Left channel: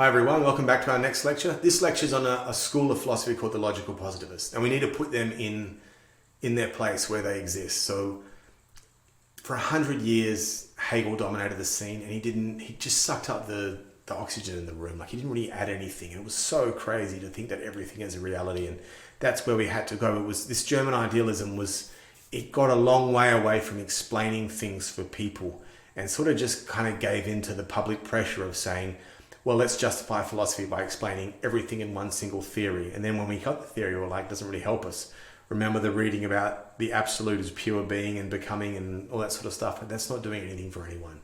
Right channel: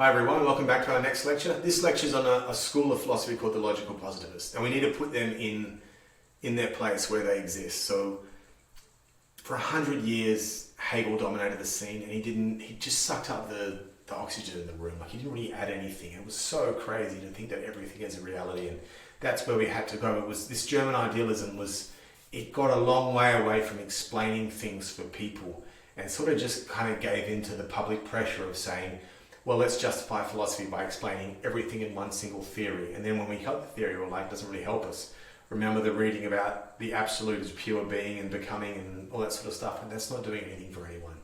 Hi everyone, welcome back to our next lecture. This lecture is on a school of philosophy called the logical positivists, and we need to put them in their place where they exist. So for 100 years, Hegel dominated the scene, and he just sucked up the oxygen in the room. Like, he didn't really add anything. It was so crazy to think that everything is a reality, and that's where we had to go. It was this German idealism it got a long way away from explaining things for people, and sort of just kind of gave into the public pressure of saying, well, let's justify philosophy by explaining everything in one single theory. And then when we got the theory, we're like, it doesn't really help us. Remember the reading about the absolute as pure being and becoming and all that sort of stuff, and that's not doing anything for anyone.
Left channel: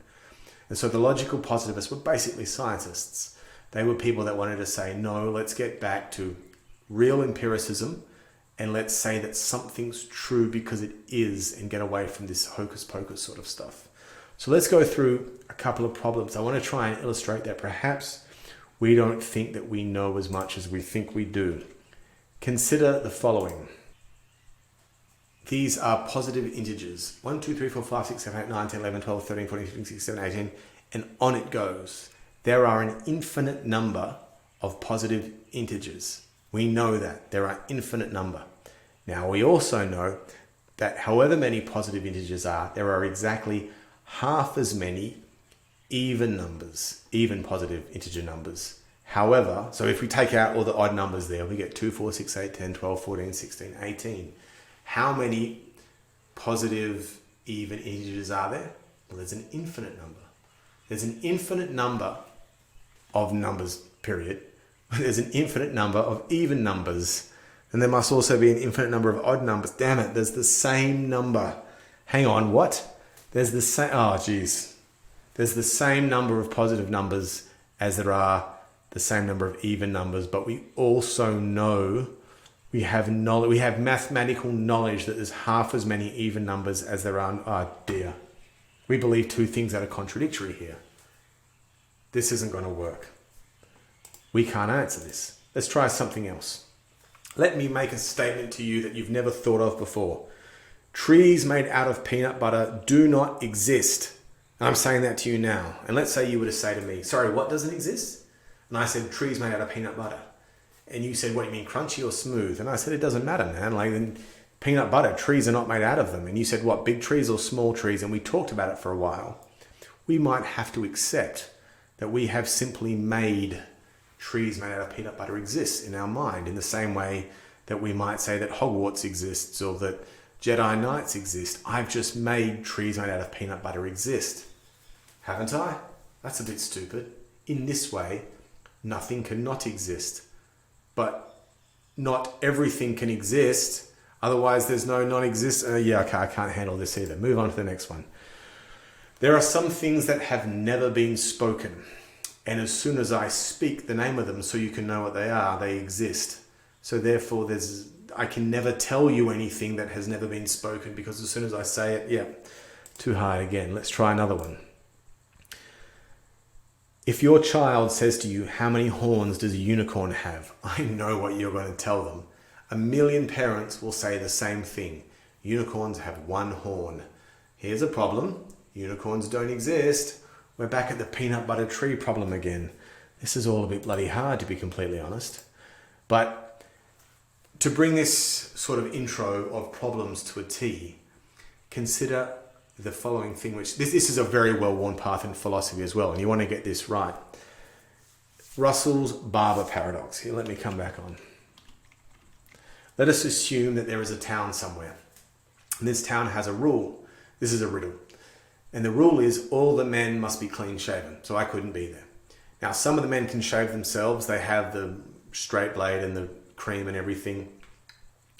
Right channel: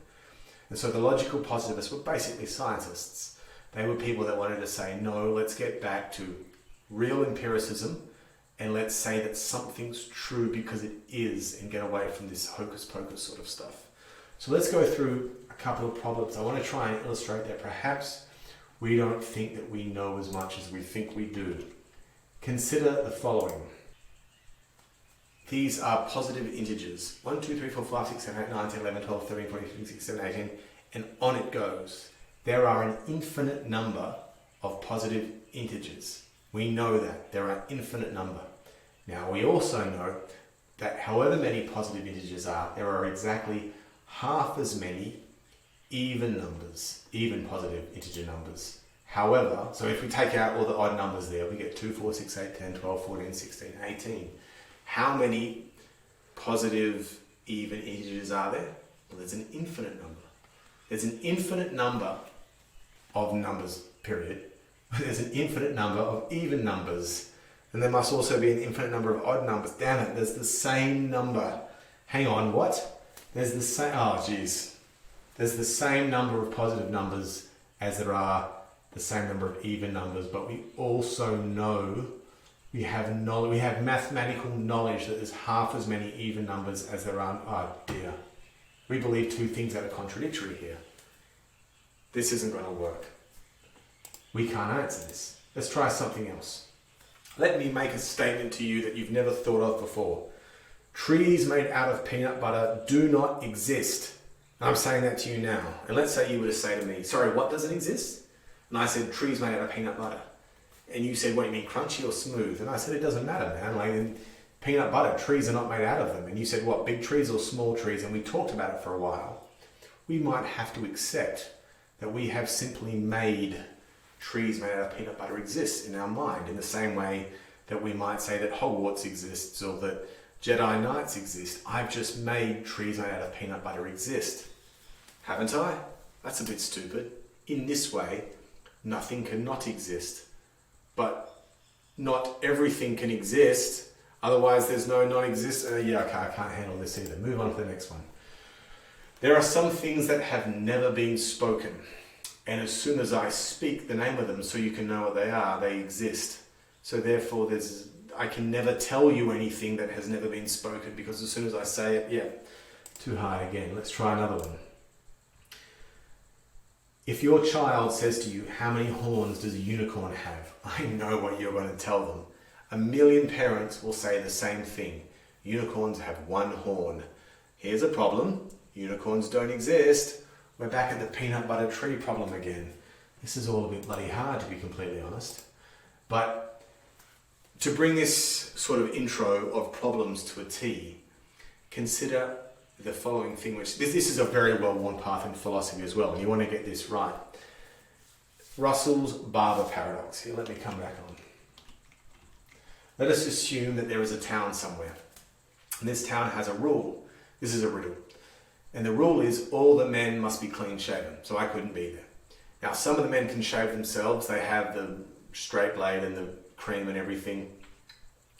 And so the logical positivists were basically scientists. They were people that wanted to say, no, let's get back to real empiricism, and let's say that something's true because it is, and get away from this hocus pocus sort of stuff. So let's go through a couple of problems. I want to try and illustrate that perhaps we don't think that we know as much as we think we do. Consider the following. These are positive integers. 1, 2, 3, 4, 5, 6, 7, 8, 9, 10, 11, 12, 13, 14, 15, 16, 17, 18, and on it goes. There are an infinite number of positive integers. We know that. There are infinite number. Now, we also know that however many positive integers are, there are exactly half as many even numbers, even positive integer numbers. However, so if we take out all the odd numbers there, we get 2, 4, 6, 8, 10, 12, 14, 16, 18. How many positive even integers are there? Well, there's an infinite number. There's an infinite number of numbers, period. There's an infinite number of even numbers. And there must also be an infinite number of odd numbers. Damn it, there's the same number. Hang on, what? There's the same, There's the same number of positive numbers as there are the same number of even numbers, but we also know, we have mathematical knowledge that there's half as many even numbers as there are, oh dear. We believe two things that are contradictory here. This isn't going to work. We can't answer this. Let's try something else. Let me make a statement to you that you've never thought of before. Trees made out of peanut butter do not exist. And I'm saying that to you now. And let's say you were to say to me, sorry, what doesn't exist? And I said, trees made out of peanut butter. And you said, what do you mean, crunchy or smooth? And I said, it doesn't matter, man. Like, in peanut butter, trees are not made out of them. And you said, what, big trees or small trees? And we talked about it for a while. We might have to accept that we have simply made trees made out of peanut butter exist in our mind, in the same way that we might say that Hogwarts exists or that Jedi Knights exist. I've just made trees made out of peanut butter exist. Haven't I? That's a bit stupid. In this way, nothing cannot exist. But not everything can exist. Otherwise, there's no non-existent. I can't handle this either. Move on to the next one. There are some things that have never been spoken. And as soon as I speak the name of them so you can know what they are, they exist. So therefore, I can never tell you anything that has never been spoken, because as soon as I say it, too high again. Let's try another one. If your child says to you, how many horns does a unicorn have? I know what you're going to tell them. 1 million parents will say the same thing. Unicorns have 1 horn. Here's a problem. Unicorns don't exist. We're back at the peanut butter tree problem again. This is all a bit bloody hard, to be completely honest. But to bring this sort of intro of problems to a T, consider the following thing, which this is a very well-worn path in philosophy as well, and you want to get this right. Russell's Barber paradox. Here, let me come back on. Let us assume that there is a town somewhere, and this town has a rule. This is a riddle. And the rule is all the men must be clean shaven, so I couldn't be there. Now, some of the men can shave themselves. They have the straight blade and the cream and everything,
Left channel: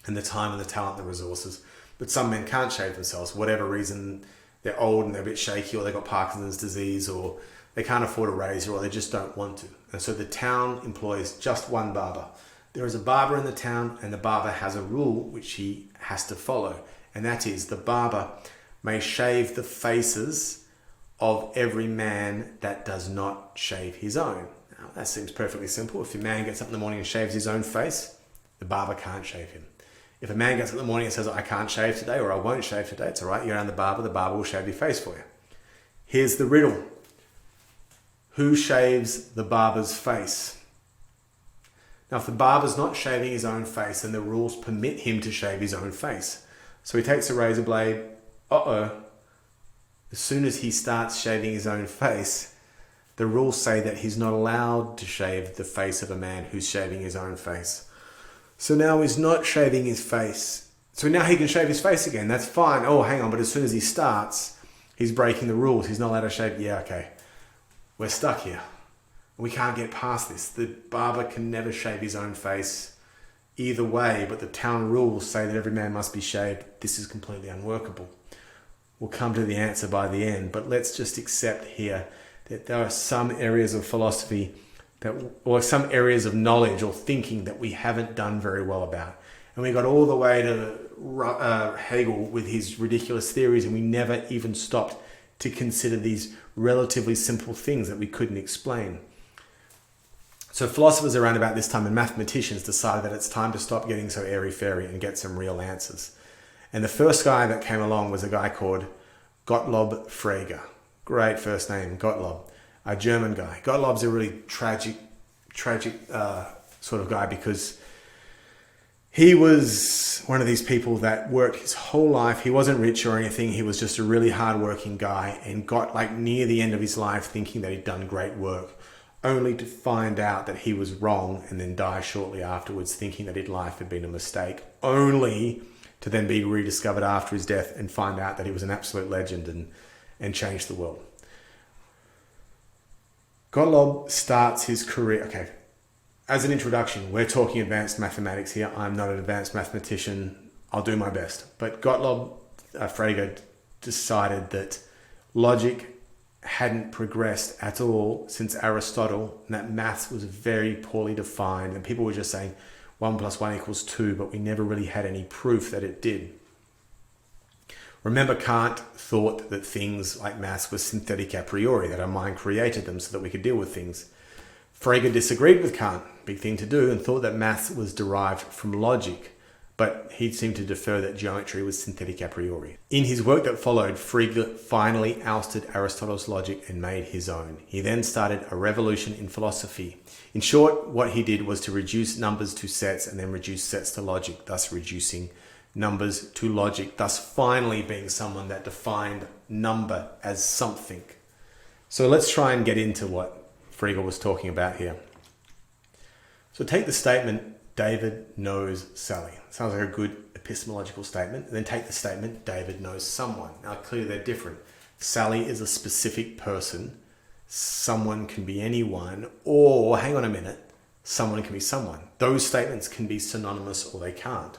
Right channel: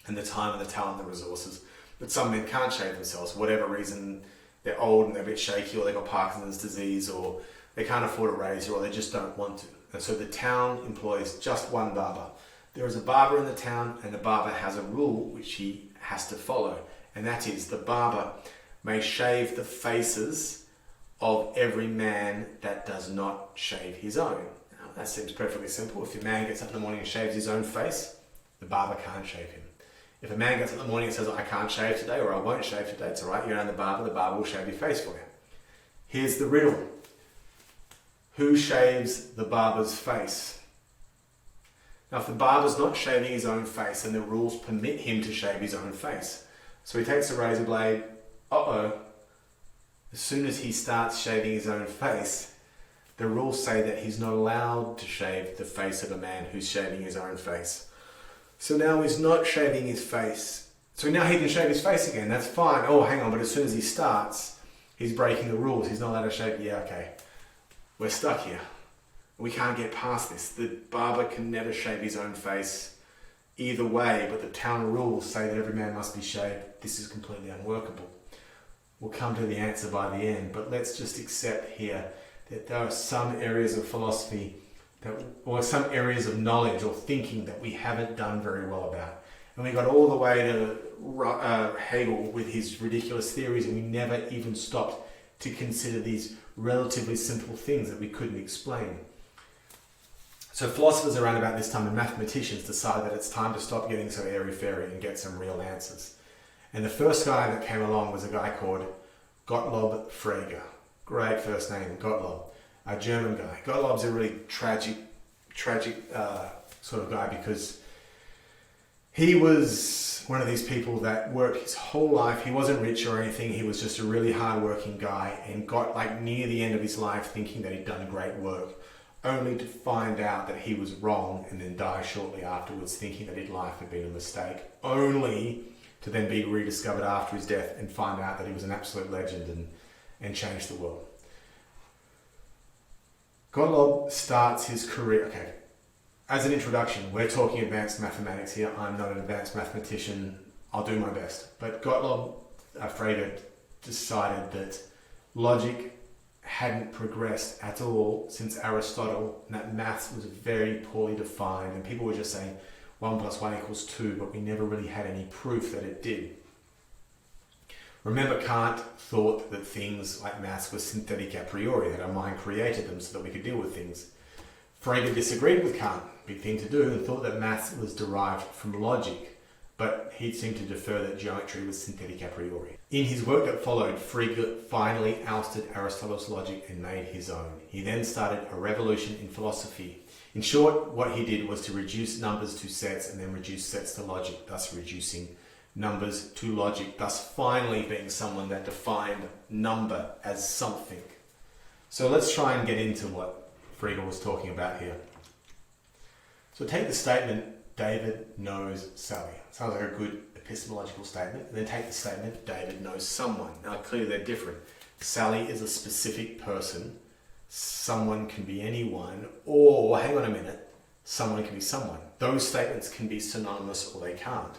and the time and the talent and the resources. But some men can't shave themselves for whatever reason. They're old and they're a bit shaky, or they've got Parkinson's disease, or they can't afford a razor, or they just don't want to. And so the town employs just one barber. There is a barber in the town, and the barber has a rule which he has to follow. And that is, the barber may shave the faces of every man that does not shave his own. Now, that seems perfectly simple. If a man gets up in the morning and shaves his own face, the barber can't shave him. If a man gets up in the morning and says, I can't shave today, or I won't shave today, it's all right, you're around the barber will shave your face for you. Here's the riddle. who shaves the barber's face? Now, if the barber's not shaving his own face, then the rules permit him to shave his own face. So he takes a razor blade. As soon as he starts shaving his own face, the rules say that he's not allowed to shave the face of a man who's shaving his own face. So now he's not shaving his face. So now he can shave his face again. That's fine. Oh, hang on. But as soon as he starts, he's breaking the rules. He's not allowed to shave. Yeah, okay. We're stuck here. We can't get past this. The barber can never shave his own face either way, but the town rules say that every man must be shaved. This is completely unworkable. We'll come to the answer by the end, but let's just accept here that there are some areas of philosophy or some areas of knowledge or thinking that we haven't done very well about. And we got all the way to Hegel with his ridiculous theories, and we never even stopped to consider these relatively simple things that we couldn't explain. So philosophers around about this time and mathematicians decided that it's time to stop getting so airy-fairy and get some real answers. And the first guy that came along was a guy called Gottlob Frege. Great first name, Gottlob. A German guy. Gottlob's a really tragic sort of guy because he was one of these people that worked his whole life. He wasn't rich or anything. He was just a really hard-working guy and got near the end of his life thinking that he'd done great work, only to find out that he was wrong and then die shortly afterwards thinking that his life had been a mistake, only to then be rediscovered after his death and find out that he was an absolute legend and changed the world. Gottlob starts his career... Okay, as an introduction, we're talking advanced mathematics here. I'm not an advanced mathematician. I'll do my best. But Gottlob Frege decided that logic hadn't progressed at all since Aristotle, and that maths was very poorly defined, and people were just saying 1 + 1 = 2, but we never really had any proof that it did. Remember, Kant thought that things like maths were synthetic a priori, that our mind created them so that we could deal with things. Frege disagreed with Kant, big thing to do, and thought that maths was derived from logic, but he seemed to defer that geometry was synthetic a priori. In his work that followed, Frege finally ousted Aristotle's logic and made his own. He then started a revolution in philosophy. In short, what he did was to reduce numbers to sets and then reduce sets to logic, thus reducing numbers to logic, thus finally being someone that defined number as something. So let's try and get into what Frege was talking about here. So take the statement, David knows Sally. Sounds like a good epistemological statement. And then take the statement, David knows someone. Now clearly they're different. Sally is a specific person. Someone can be anyone. Or, hang on a minute, someone can be someone. Those statements can be synonymous or they can't.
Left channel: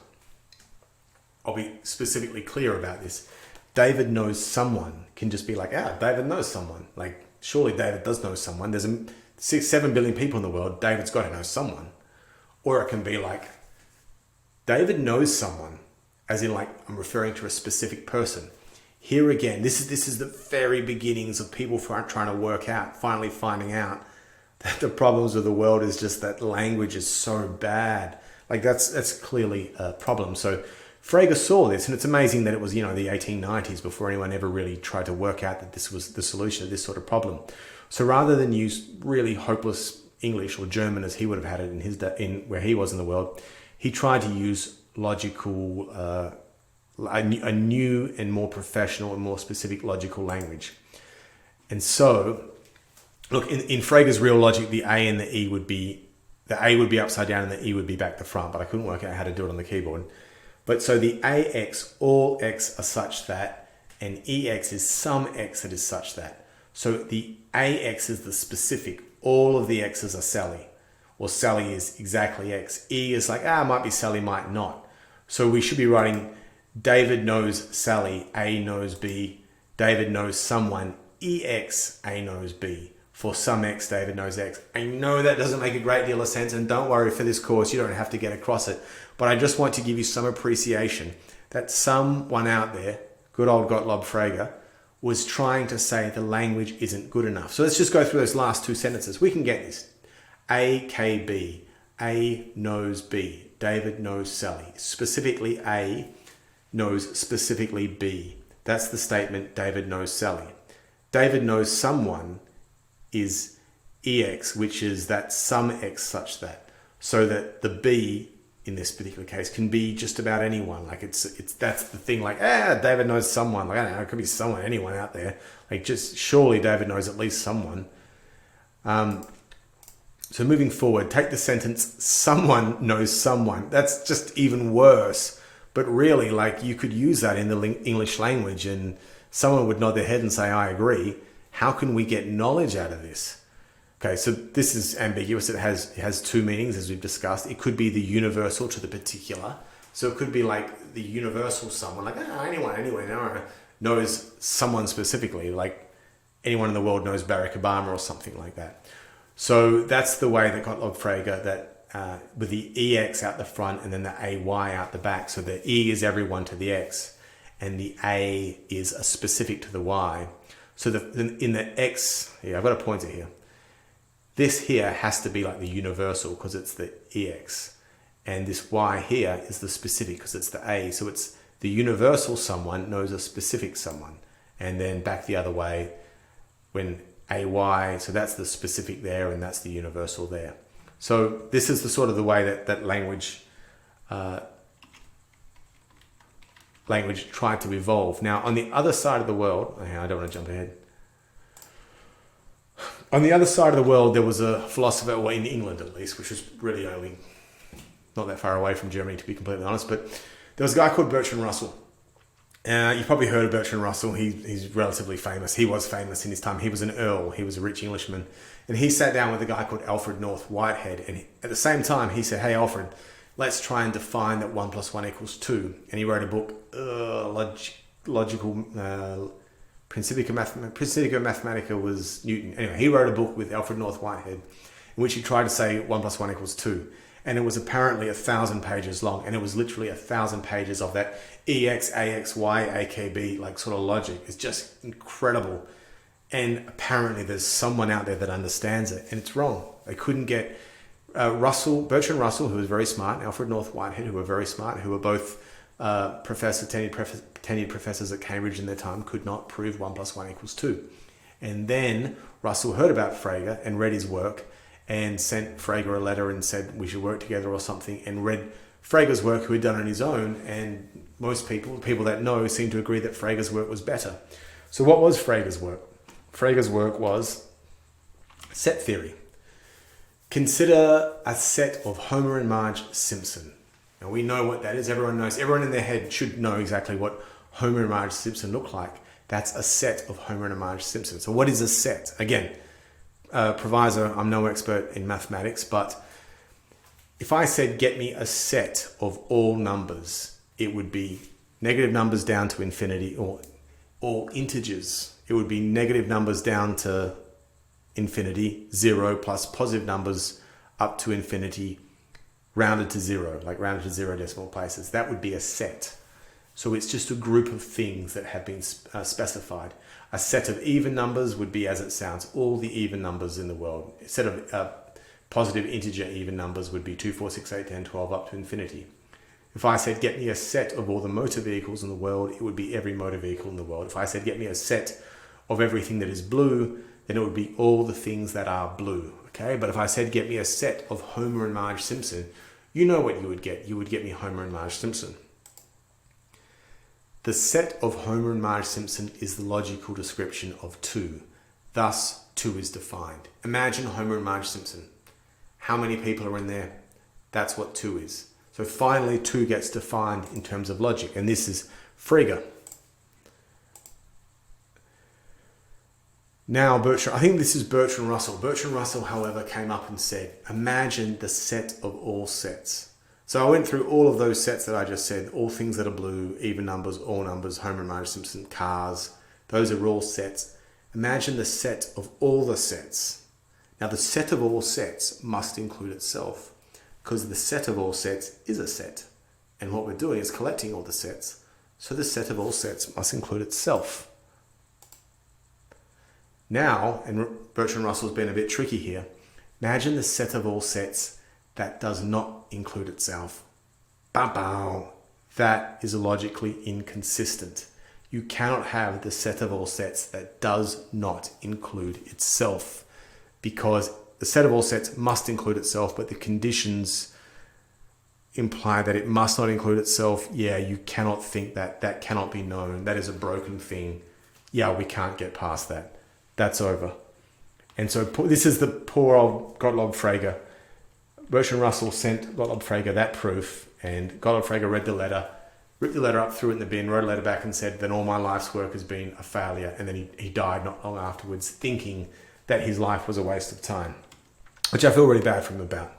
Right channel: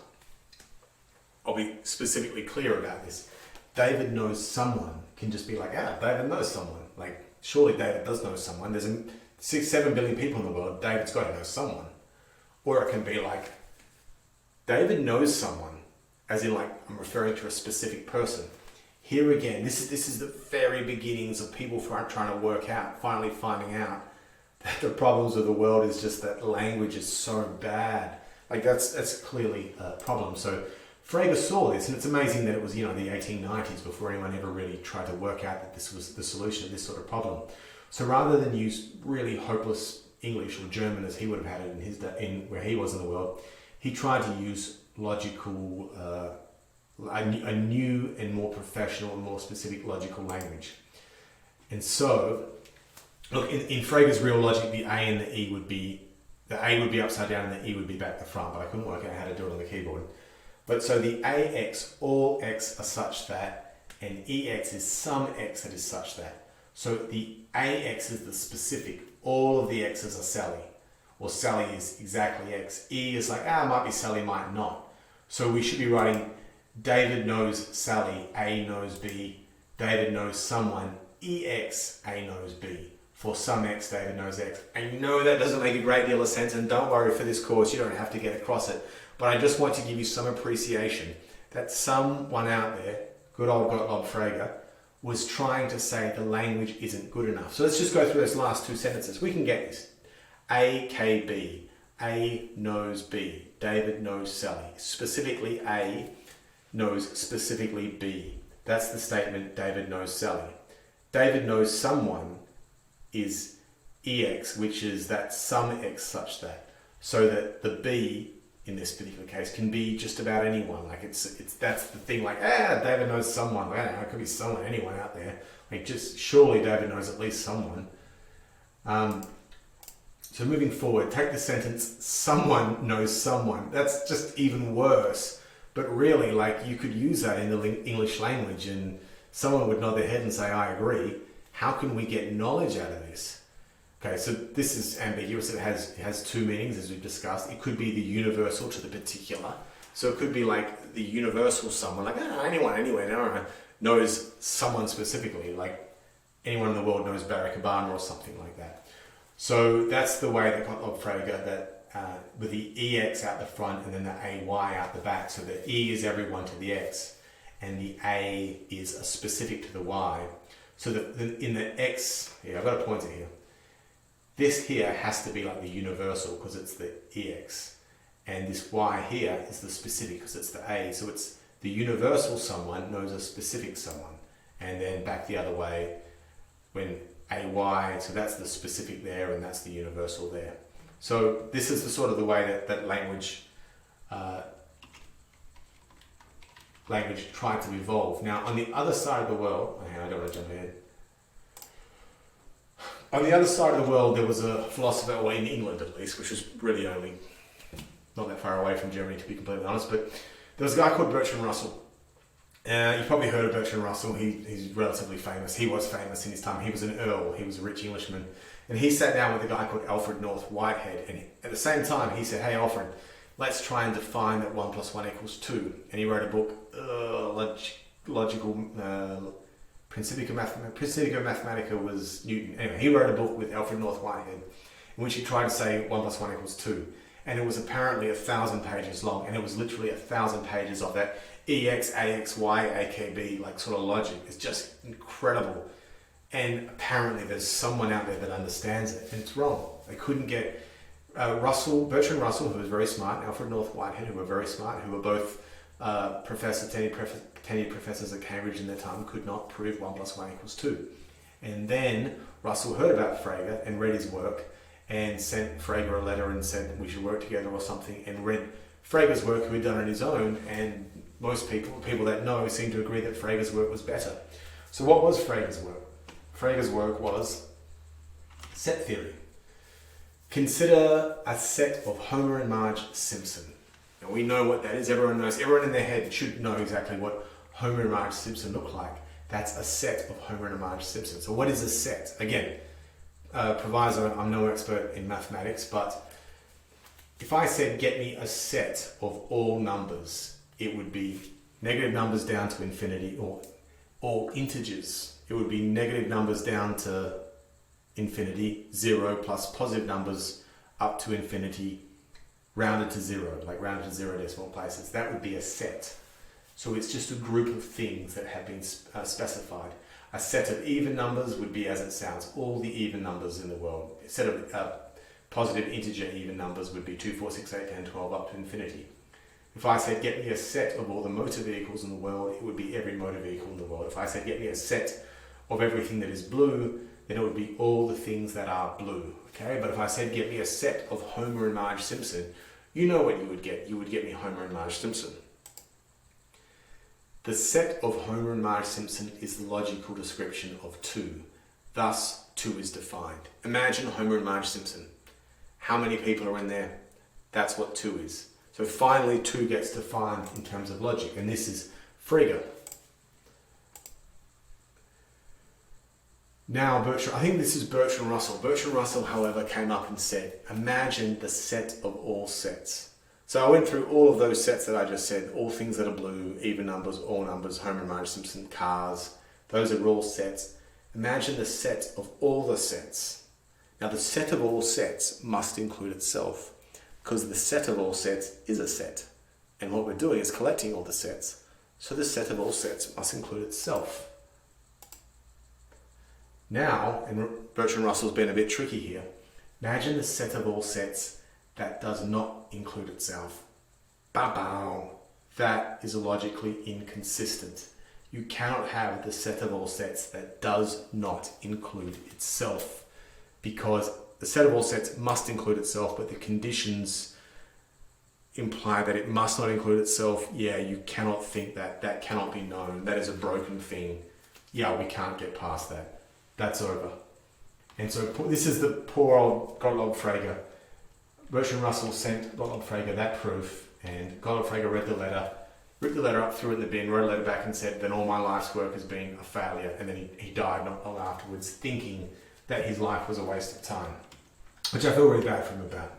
I'll be specifically clear about this. David knows someone can just be like, David knows someone. Like, surely David does know someone. There's 6-7 billion people in the world. David's got to know someone. Or it can be like, David knows someone, as in like, I'm referring to a specific person. Here again, this is the very beginnings of people trying to work out, finally finding out that the problems of the world is just that language is so bad. Like that's clearly a problem. So Frege saw this, and it's amazing that it was, the 1890s before anyone ever really tried to work out that this was the solution to this sort of problem. So rather than use really hopeless English or German as he would have had it in where he was in the world, he tried to use logical, a new and more professional and more specific logical language. And so, look, in Frege's real logic, the A and the E would be upside down and the E would be back to front, but I couldn't work out how to do it on the keyboard. But so the AX, all X are such that, and EX is some X that is such that. So the AX is the specific, all of the X's are Sally, or Sally is exactly X. E is like, might be Sally, might not. So we should be writing, David knows Sally, A knows B, David knows someone, EX, A knows B. For some X, David knows X. I know that doesn't make a great deal of sense, and don't worry, for this course, you don't have to get across it. But I just want to give you some appreciation that someone out there, good old Gottlob Frege, was trying to say the language isn't good enough. So let's just go through those last two sentences. We can get this. A, K, B. A knows B. David knows Sally. Specifically A knows specifically B. That's the statement, David knows Sally. David knows someone is EX, which is that some X such that, so that the B in this particular case can be just about anyone. Like it's that's the thing. Like, David knows someone. Like, I don't know, it could be someone, anyone out there. Like, just surely David knows at least someone. So moving forward, take the sentence, someone knows someone. That's just even worse. But really, like, you could use that in the English language and someone would nod their head and say, I agree. How can we get knowledge out of this? Okay, so this is ambiguous. It has two meanings, as we've discussed. It could be the universal to the particular. So it could be like the universal someone, like anyone, anywhere, knows someone specifically, like anyone in the world knows Barack Obama or something like that. So that's the way that Gottlob Frege, that with the EX out the front and then the AY out the back. So the E is everyone to the X and the A is a specific to the Y. So in the X, I've got a pointer here. This here has to be like the universal because it's the EX. And this Y here is the specific because it's the A. So it's the universal someone knows a specific someone. And then back the other way when AY, so that's the specific there and that's the universal there. So this is the sort of the way that language tried to evolve. Now on the other side of the world, I don't want to jump ahead. On the other side of the world, there was a philosopher, well, in England at least, which was really only not that far away from Germany, to be completely honest, but there was a guy called Bertrand Russell. You've probably heard of Bertrand Russell. He's relatively famous. He was famous in his time. He was an earl. He was a rich Englishman. And he sat down with a guy called Alfred North Whitehead. And at the same time, he said, hey, Alfred, let's try and define that 1 + 1 = 2. And he wrote a book, Principia Mathematica was Newton. Anyway, he wrote a book with Alfred North Whitehead in which he tried to say 1 + 1 = 2. And it was apparently 1,000 pages long. And it was literally 1,000 pages of that EX, AX, Y, AKB, like sort of logic. It's just incredible. And apparently there's someone out there that understands it. And it's wrong. They couldn't get Bertrand Russell, who was very smart, and Alfred North Whitehead, who were very smart, who were both tenured professors at Cambridge in their time, could not prove 1 + 1 = 2. And then Russell heard about Frege and read his work and sent Frege a letter and said we should work together or something, and read Frege's work, who he'd done on his own, and most people that know seem to agree that Frege's work was better. So what was Frege's work? Frege's work was set theory. Consider a set of Homer and Marge Simpson. Now we know what that is. Everyone knows. Everyone in their head should know exactly what Homer and Marge Simpson look like. That's a set of Homer and Marge Simpson. So what is a set? Again, proviso, I'm no expert in mathematics, but if I said get me a set of all numbers, it would be negative numbers down to infinity, or all integers. It would be negative numbers down to infinity, 0, plus positive numbers up to infinity, rounded to 0, like rounded to 0 decimal places. That would be a set. So it's just a group of things that have been specified. A set of even numbers would be as it sounds, all the even numbers in the world. A set of positive integer even numbers would be 2, 4, 6, 8, 10, 12 up to infinity. If I said get me a set of all the motor vehicles in the world, it would be every motor vehicle in the world. If I said get me a set of everything that is blue, then it would be all the things that are blue. Okay, but if I said get me a set of Homer and Marge Simpson, you know what you would get. You would get me Homer and Marge Simpson. The set of Homer and Marge Simpson is the logical description of 2. Thus, 2 is defined. Imagine Homer and Marge Simpson. How many people are in there? That's what 2 is. So finally, 2 gets defined in terms of logic. And this is Frege. Now, I think this is Bertrand Russell. Bertrand Russell, however, came up and said, imagine the set of all sets. So I went through all of those sets that I just said, all things that are blue, even numbers, all numbers, Homer and Marge Simpson, cars. Those are all sets. Imagine the set of all the sets. Now, the set of all sets must include itself, because the set of all sets is a set. And what we're doing is collecting all the sets. So the set of all sets must include itself. Now, and Bertrand Russell's been a bit tricky here, imagine the set of all sets that does not include itself. Bow. That is logically inconsistent. You cannot have the set of all sets that does not include itself. because the set of all sets must include itself, but the conditions imply that it must not include itself. Yeah, you cannot think that. That cannot be known. That is a broken thing. Yeah, we can't get past that. That's over. And so this is the poor old Gottlob Frege. Bertrand Russell sent Gottlob Frege that proof, and Gottlob Frege read the letter, ripped the letter up, threw it in the bin, wrote a letter back and said, then all my life's work has been a failure. And then he died not long afterwards, thinking that his life was a waste of time, which I feel really bad for him about.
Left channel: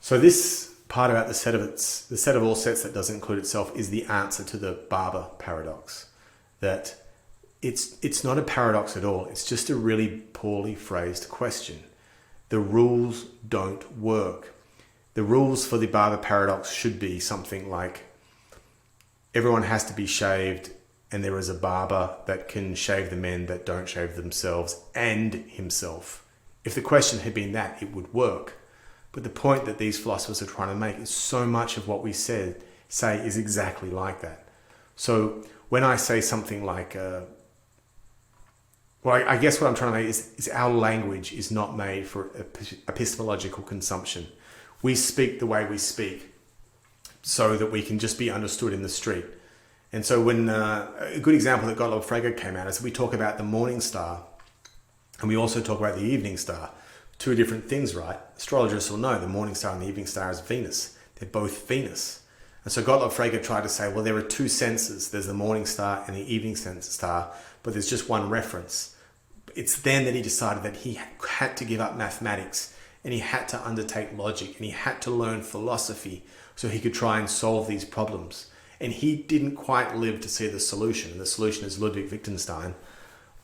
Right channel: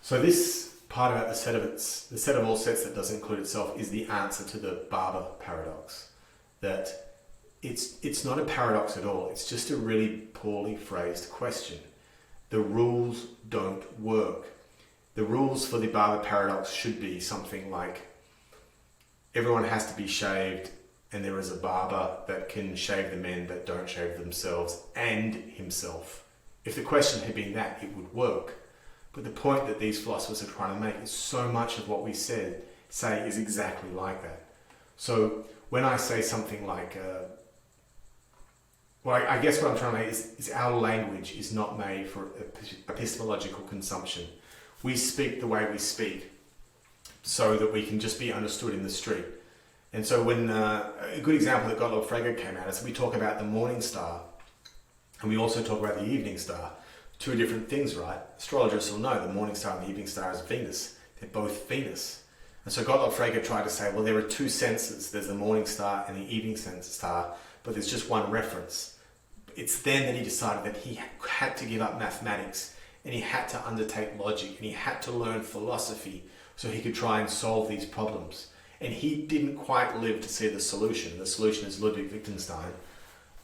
So this part about the set of all sets that doesn't include itself is the answer to the Barber paradox. That it's not a paradox at all. It's just a really poorly phrased question. The rules don't work. The rules for the Barber paradox should be something like everyone has to be shaved, and there is a barber that can shave the men that don't shave themselves and himself. If the question had been that, it would work. But the point that these philosophers are trying to make is so much of what we say is exactly like that. So when I say something like, I guess what I'm trying to make is our language is not made for epistemological consumption. We speak the way we speak so that we can just be understood in the street. And so when a good example that Gottlob Frege came out is we talk about the morning star and we also talk about the evening star. Two different things, right? Astrologers will know the morning star and the evening star is Venus. They're both Venus. And so Gottlob Frege tried to say, well, there are two senses. There's the morning star and the evening star, but there's just one reference. It's then that he decided that he had to give up mathematics and he had to undertake logic and he had to learn philosophy so he could try and solve these problems. And he didn't quite live to see the solution. The solution is Ludwig Wittgenstein,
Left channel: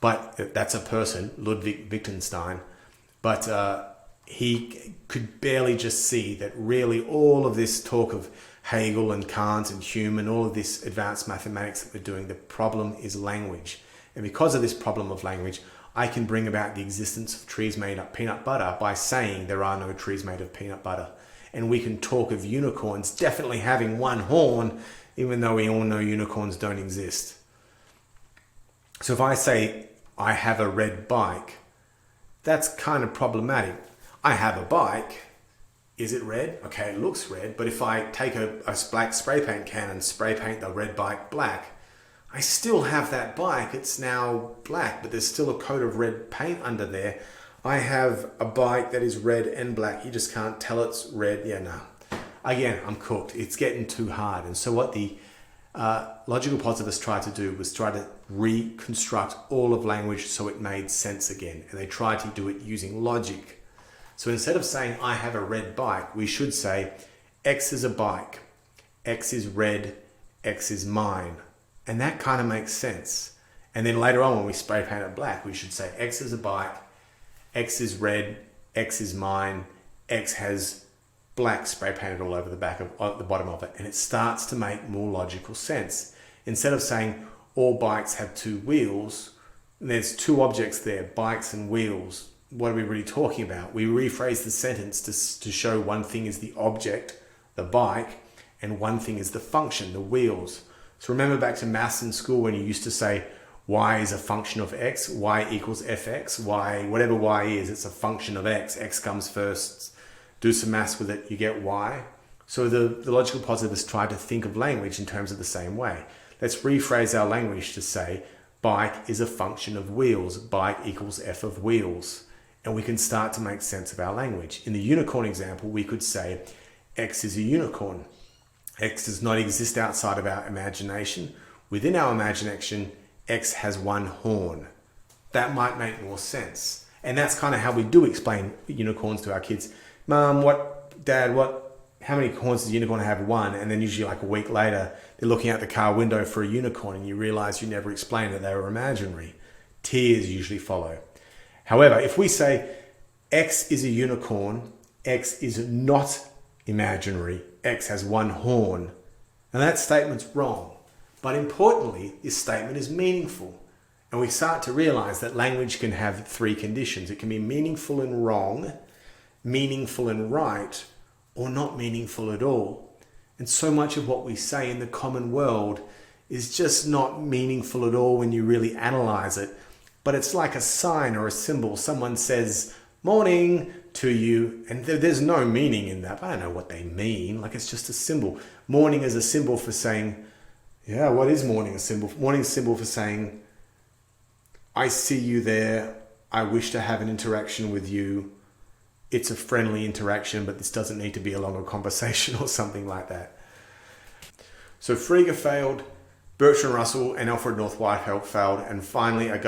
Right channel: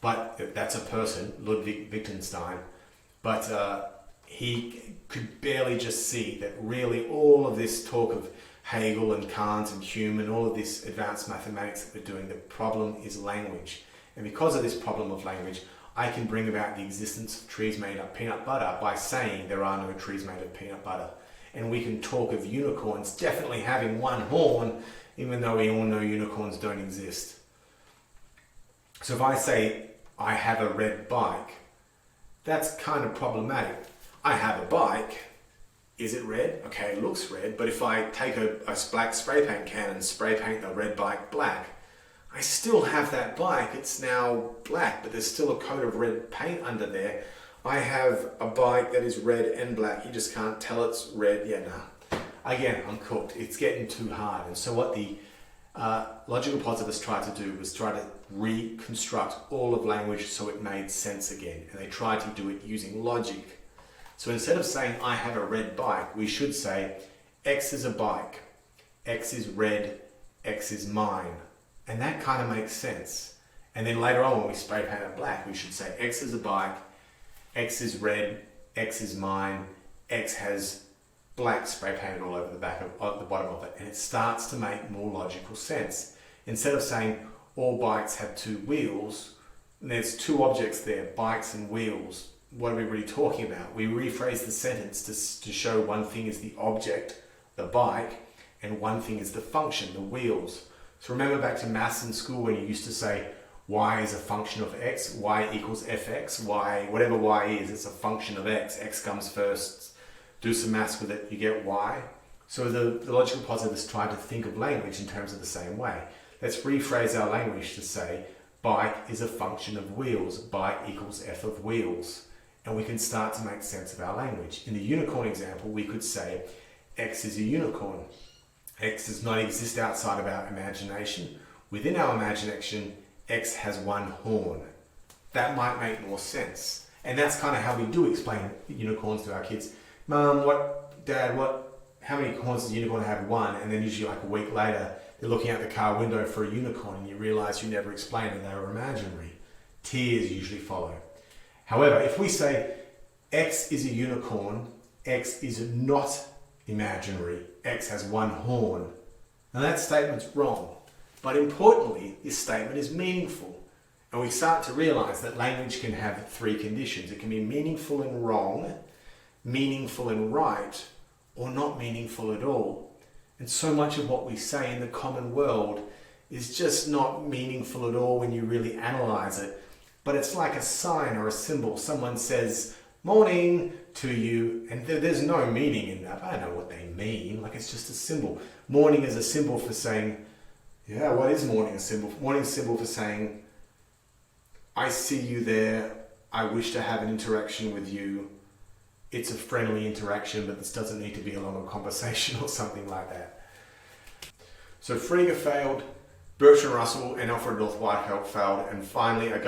but that's a person, Ludwig Wittgenstein. But he could barely just see that really all of this talk of Hegel and Kant and Hume and all of this advanced mathematics that we're doing, the problem is language. And because of this problem of language, I can bring about the existence of trees made of peanut butter by saying there are no trees made of peanut butter. And we can talk of unicorns definitely having one horn, even though we all know unicorns don't exist. So if I say, I have a red bike, that's kind of problematic. I have a bike. Is it red? Okay, it looks red. But if I take a black spray paint can and spray paint the red bike black, I still have that bike. It's now black, but there's still a coat of red paint under there. I have a bike that is red and black. You just can't tell it's red. Yeah, no. Again, I'm cooked. It's getting too hard. And so what the logical positivists tried to do was try to reconstruct all of language so it made sense again. And they tried to do it using logic. So instead of saying, I have a red bike, we should say, X is a bike, X is red, X is mine. And that kind of makes sense. And then later on when we spray paint it black, we should say X is a bike, X is red, X is mine, X has black spray painted all over the the bottom of it. And it starts to make more logical sense. Instead of saying all bikes have two wheels, there's two objects there, bikes and wheels. What are we really talking about? We rephrase the sentence to show one thing is the object, the bike, and one thing is the function, the wheels. So remember back to maths in school when you used to say y is a function of x, y equals fx, y, whatever y is, it's a function of x. X comes first, do some maths with it, you get y. So the logical positivists tried to think of language in terms of the same way. Let's rephrase our language to say bike is a function of wheels, bike equals f of wheels. And we can start to make sense of our language. In the unicorn example, we could say X is a unicorn. X does not exist outside of our imagination. Within our imagination, X has one horn. That might make more sense. And that's kind of how we do explain unicorns to our kids. Mom, Dad, how many horns does a unicorn have? One. And then usually like a week later, they're looking out the car window for a unicorn and you realize you never explained that they were imaginary. Tears usually follow. However, if we say X is a unicorn, X is not imaginary, X has one horn, and that statement's wrong. But importantly, this statement is meaningful. And we start to realize that language can have three conditions. It can be meaningful and wrong, meaningful and right, or not meaningful at all. And so much of what we say in the common world is just not meaningful at all when you really analyze it. but it's like a sign or a symbol. Someone says morning to you, and there's no meaning in that. I don't know what they mean. Like, it's just a symbol. Morning is a symbol for saying, yeah, what is morning a symbol? Morning is a symbol for saying, I see you there. I wish to have an interaction with you. It's a friendly interaction, but this doesn't need to be a longer conversation or something like that. So Frege failed, Bertrand Russell and Alfred North Whitehead failed, and finally a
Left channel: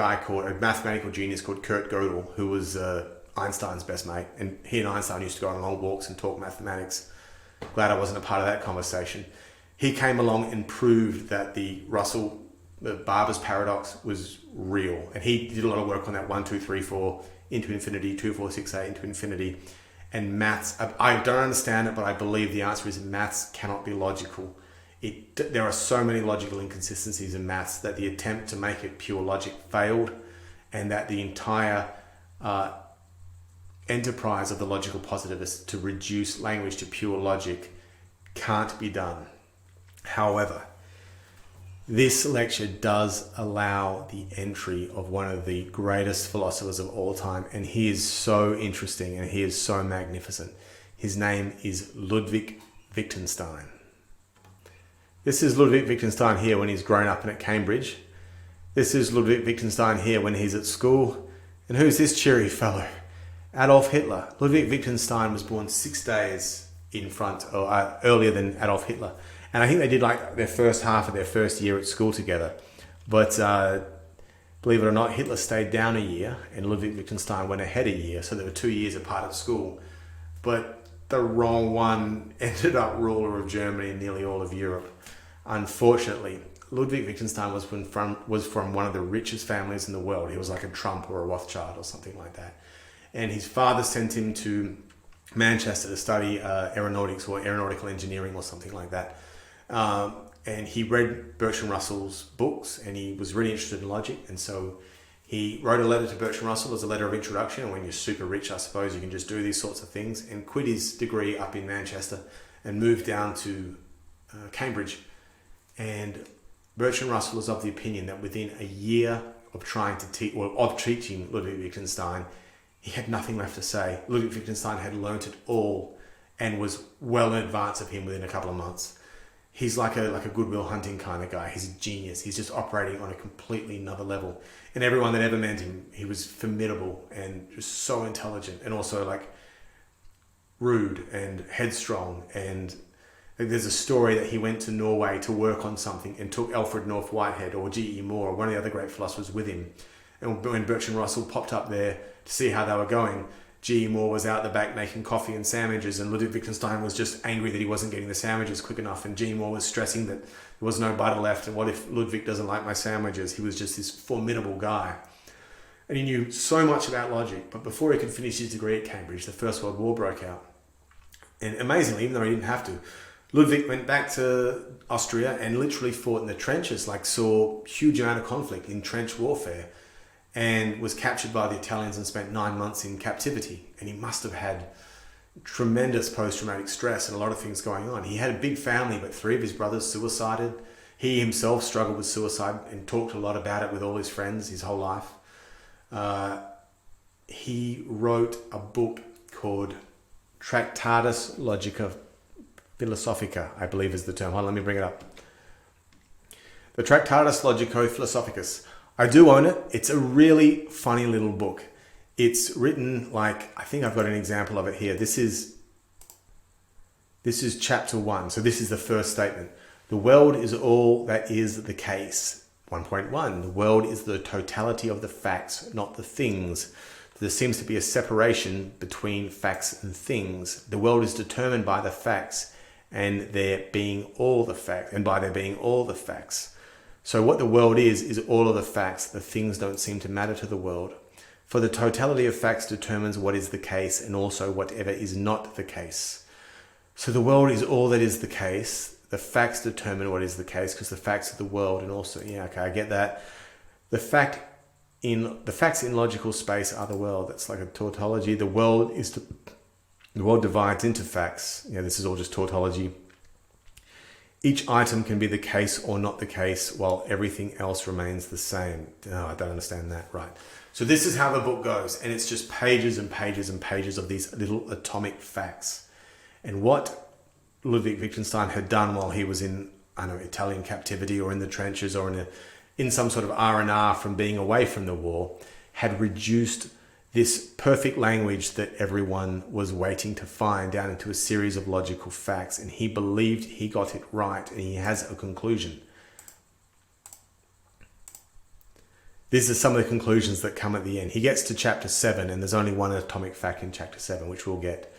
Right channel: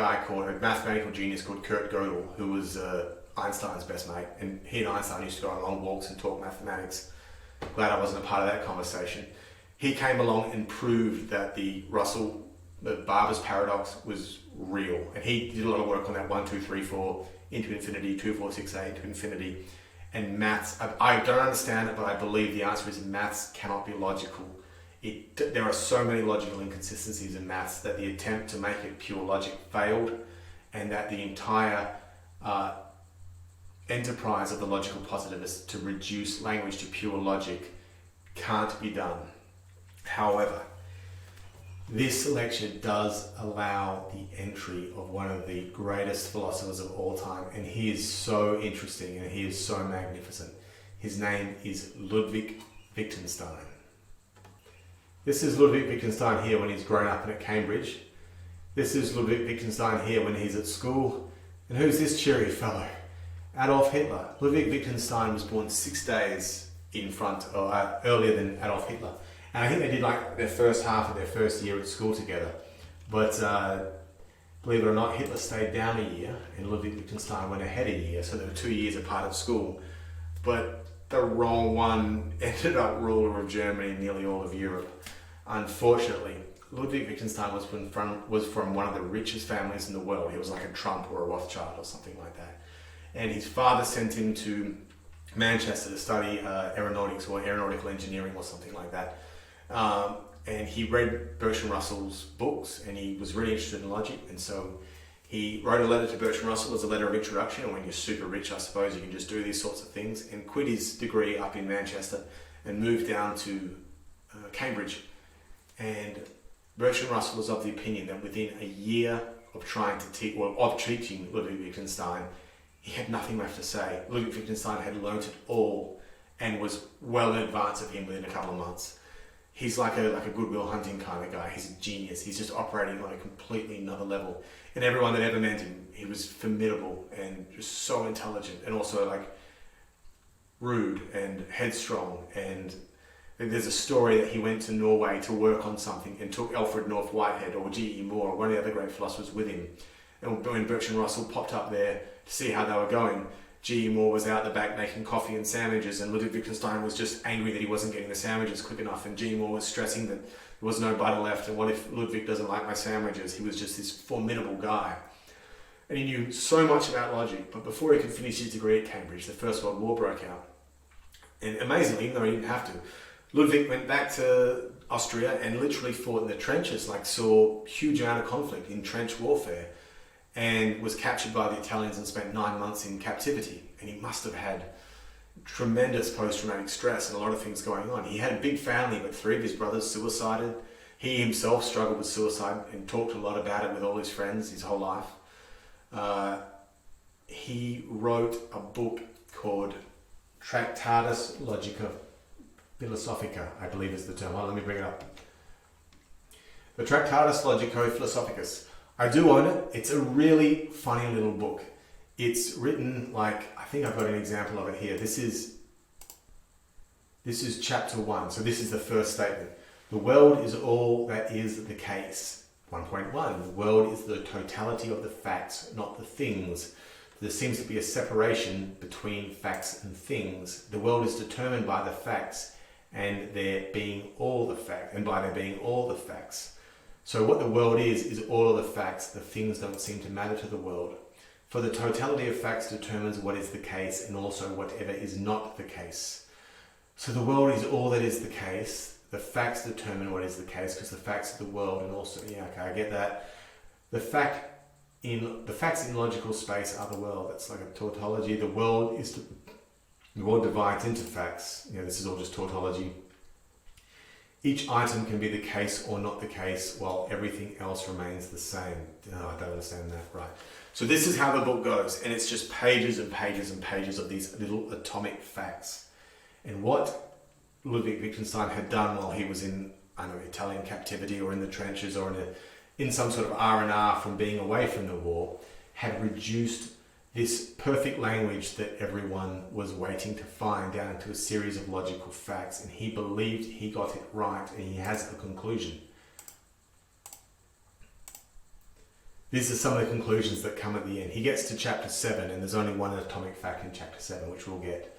mathematical genius called Kurt Gödel, who was Einstein's best mate, and he and Einstein used to go on long walks and talk mathematics. Glad I wasn't a part of that conversation. He came along and proved that the Barber's paradox was real, and he did a lot of work on that 1, 2, 3, 4 into infinity, 2, 4, 6, 8 into infinity, and maths. I don't understand it, but I believe the answer is maths cannot be logical. There are so many logical inconsistencies in maths that the attempt to make it pure logic failed, and that the entire enterprise of the logical positivists to reduce language to pure logic can't be done. However, this lecture does allow the entry of one of the greatest philosophers of all time, and he is so interesting and he is so magnificent. His name is Ludwig Wittgenstein. This is Ludwig Wittgenstein here when he's grown up and at Cambridge. This is Ludwig Wittgenstein here when he's at school. And who's this cheery fellow? Adolf Hitler. Ludwig Wittgenstein was born 6 days earlier than Adolf Hitler. And I think they did like their first half of their first year at school together. But believe it or not, Hitler stayed down a year and Ludwig Wittgenstein went ahead a year. So they were 2 years apart at school. But the wrong one ended up ruler of Germany and nearly all of Europe. Unfortunately, Ludwig Wittgenstein was from one of the richest families in the world. He was like a Trump or a Rothschild or something like that. And his father sent him to Manchester to study aeronautics or aeronautical engineering or something like that. And he read Bertrand Russell's books and he was really interested in logic. And so he wrote a letter to Bertrand Russell as a letter of introduction. And when you're super rich, I suppose, you can just do these sorts of things, and quit his degree up in Manchester and moved down to Cambridge. And Bertrand Russell was of the opinion that within a year of teaching Ludwig Wittgenstein, he had nothing left to say. Ludwig Wittgenstein had learnt it all and was well in advance of him within a couple of months. He's like a Goodwill Hunting kind of guy. He's a genius. He's just operating on a completely another level. And everyone that ever met him, he was formidable and just so intelligent, and also like rude and headstrong. And there's a story that he went to Norway to work on something and took Alfred North Whitehead or G.E. Moore, one of the other great philosophers, with him. And when Bertrand Russell popped up there to see how they were going, G.E. Moore was out the back making coffee and sandwiches, and Ludwig Wittgenstein was just angry that he wasn't getting the sandwiches quick enough, and G.E. Moore was stressing that there was no butter left, and what if Ludwig doesn't like my sandwiches? He was just this formidable guy. And he knew so much about logic, but before he could finish his degree at Cambridge, the First World War broke out. And amazingly, even though he didn't have to, Ludwig went back to Austria and literally fought in the trenches, like saw huge amount of conflict in trench warfare, and was captured by the Italians and spent 9 months in captivity. And he must have had tremendous post-traumatic stress and a lot of things going on. He had a big family, but 3 of his brothers suicided. He himself struggled with suicide and talked a lot about it with all his friends his whole life. He wrote a book called Tractatus Logica Philosophica, I believe is the term. Hold on, let me bring it up. The Tractatus Logico Philosophicus. I do own it. It's a really funny little book. It's written like, I think I've got an example of it here. This is chapter 1. So this is the first statement. The world is all that is the case. 1.1. The world is the totality of the facts, not the things. There seems to be a separation between facts and things. The world is determined by the facts and there being all the facts, and by there being all the facts. So what the world is all of the facts. The things don't seem to matter to the world. For the totality of facts determines what is the case and also whatever is not the case. So the world is all that is the case. The facts determine what is the case because the facts of the world, and also, yeah, okay, I get that. The facts in logical space are the world. That's like a tautology. The world divides into facts. This is all just tautology. Each item can be the case or not the case while everything else remains the same. No, I don't understand that. Right. So this is how the book goes, and it's just pages and pages and pages of these little atomic facts. And what Ludwig Wittgenstein had done while he was in, I don't know, Italian captivity or in the trenches or in some sort of R&R from being away from the war, had reduced this perfect language that everyone was waiting to find down into a series of logical facts. And he believed he got it right, and he has a conclusion. These are some of the conclusions that come at the end. He gets to chapter 7, and there's only one atomic fact in chapter 7, which we'll get.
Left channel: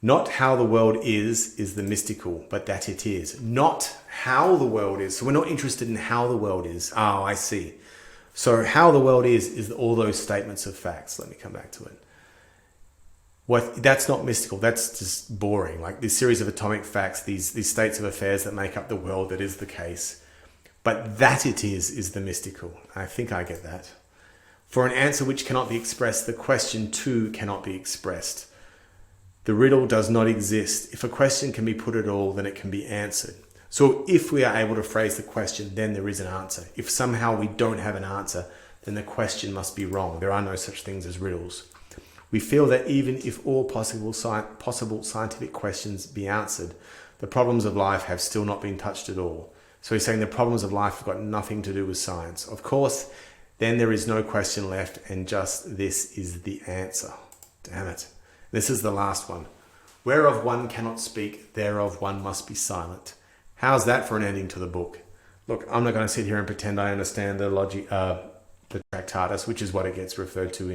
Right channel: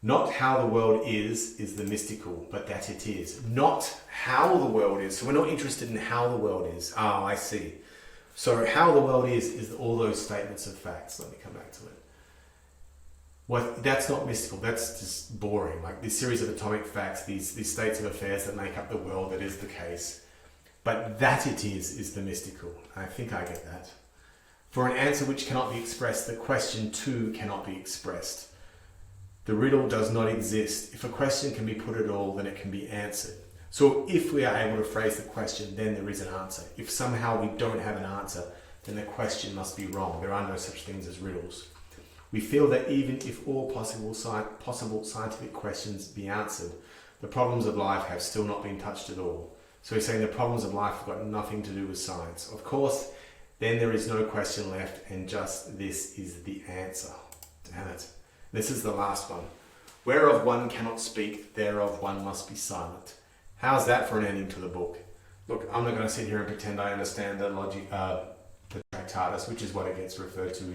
Not how the world is the mystical, but that it is. Not how the world is. So we're not interested in how the world is. Oh, I see. So how the world is all those statements of facts. Let me come back to it. That's not mystical. That's just boring. Like this series of atomic facts, these states of affairs that make up the world that is the case. But that it is the mystical. I think I get that. For an answer which cannot be expressed, the question too cannot be expressed. The riddle does not exist. If a question can be put at all, then it can be answered. So if we are able to phrase the question, then there is an answer. If somehow we don't have an answer, then the question must be wrong. There are no such things as riddles. We feel that even if all possible scientific questions be answered, the problems of life have still not been touched at all. So he's saying the problems of life have got nothing to do with science. Of course, then there is no question left, and just this is the answer. Damn it. This is the last one. Whereof one cannot speak, thereof one must be silent. How's that for an ending to the book? Look, I'm not going to sit here and pretend I understand the logic, the Tractatus, which is what it gets referred to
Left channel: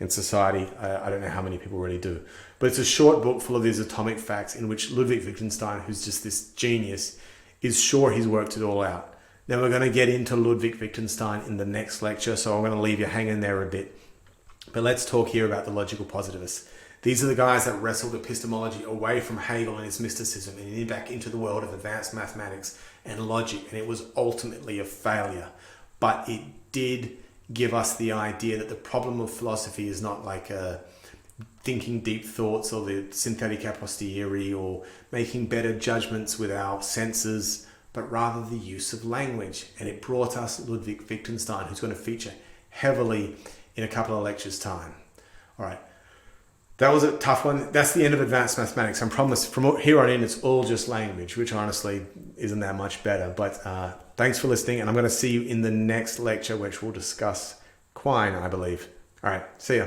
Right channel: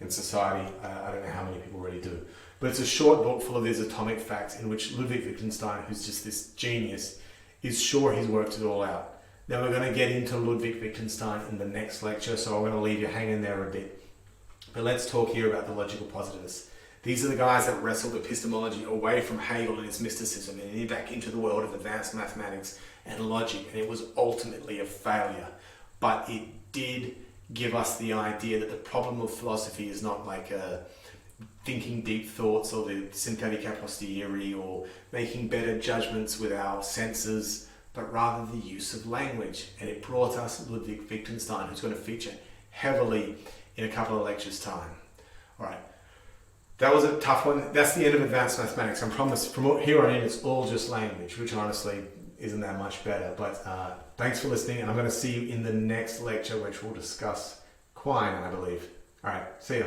in society. I don't know how many people really do. But it's a short book full of these atomic facts in which Ludwig Wittgenstein, who's just this genius, is sure he's worked it all out. Now we're going to get into Ludwig Wittgenstein in the next lecture, so I'm going to leave you hanging there a bit. But let's talk here about the logical positivists. These are the guys that wrestled epistemology away from Hegel and his mysticism and back into the world of advanced mathematics and logic, and it was ultimately a failure. But it did give us the idea that the problem of philosophy is not like thinking deep thoughts or the synthetic a posteriori or making better judgments with our senses, but rather the use of language. And it brought us Ludwig Wittgenstein, who's going to feature heavily in a couple of lectures' time. All right. That was a tough one. That's the end of advanced mathematics. I promise from here on in, it's all just language, which honestly isn't that much better. But thanks for listening, and I'm going to see you in the next lecture, which we'll discuss Quine, I believe. All right, see ya.